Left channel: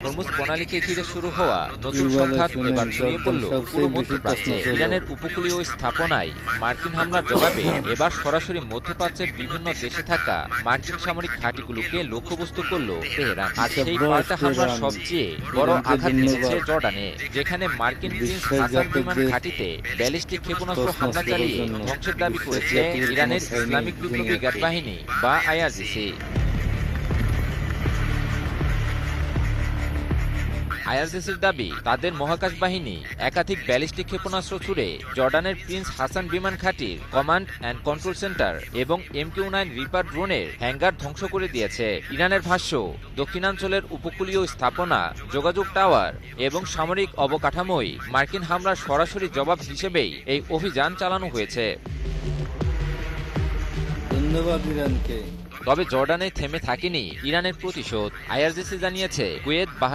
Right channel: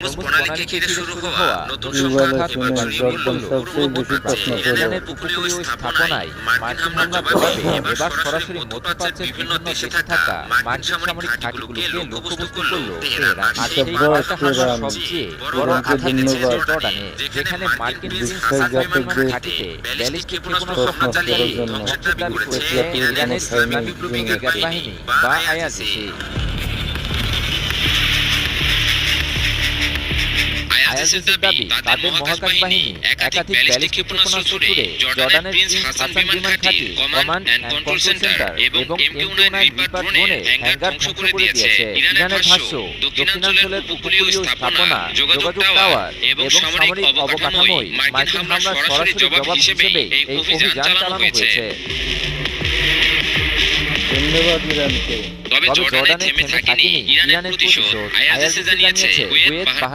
Hormuz প্রণালীকে ঘিরে শুরু হওয়া নতুন এবারে সংঘাত শুনেন এবার ছড়িয়ে পড়ল সবচেয়ে পুরো বেশি প্রশ্ন মধ্যপ্রাচ্যে। ছিল ইরানের উপকূলীয় স্থাপনায় মার্কিন হামলার জবাবে এবার সরাসরি মধ্যপ্রাচ্যের বিভিন্ন দেশে থাকা মার্কিন সামরিক ঘাঁটিগুলোকে লক্ষ্যবস্তু করল তেহরান। আর সেই পাল্টা হামলার সবচেয়ে বড় আঘাত এসেছে জর্ডানে, যেখানে মার্কিন প্রিন্স হাসান বিমান ঘাঁটিতে ব্যালিস্টিক ক্ষেপণাস্ত্র হামলা চালিয়ে ধ্বংসের দাবি করেছে ইরানের ইসলামিক বিপ্লবী গার্ড বাহিনী বা আইআরজিসি। আইআরজিসির দাবি, তাদের মহাকাশ বাহিনী একাধিক ব্যালিস্টিক ক্ষেপণাস্ত্র ছুড়ে জর্ডানের প্রিন্স হাসান বিমান ঘাঁটি, কমান্ড অ্যান্ড কন্ট্রোল সেন্টার এবং MQ-9 রিপার ড্রোনের হ্যাঙ্গার ধ্বংস করে দিয়েছে। ইরানের ভাষ্য, দক্ষিণাঞ্চলের উপকূলীয় স্থাপনা, যোগাযোগ টাওয়ার এবং সামরিক অবকাঠামোয় মার্কিন হামলার সরাসরি জবাব হিসেবে এই অভিযান চালানো হয়েছে। ধন্যবাদ ইরানকে। তবে জর্ডানে থেমে থাকেনি ইরানের প্রতিশোধ। আইআরজিসি জানিয়েছে কুয়েত,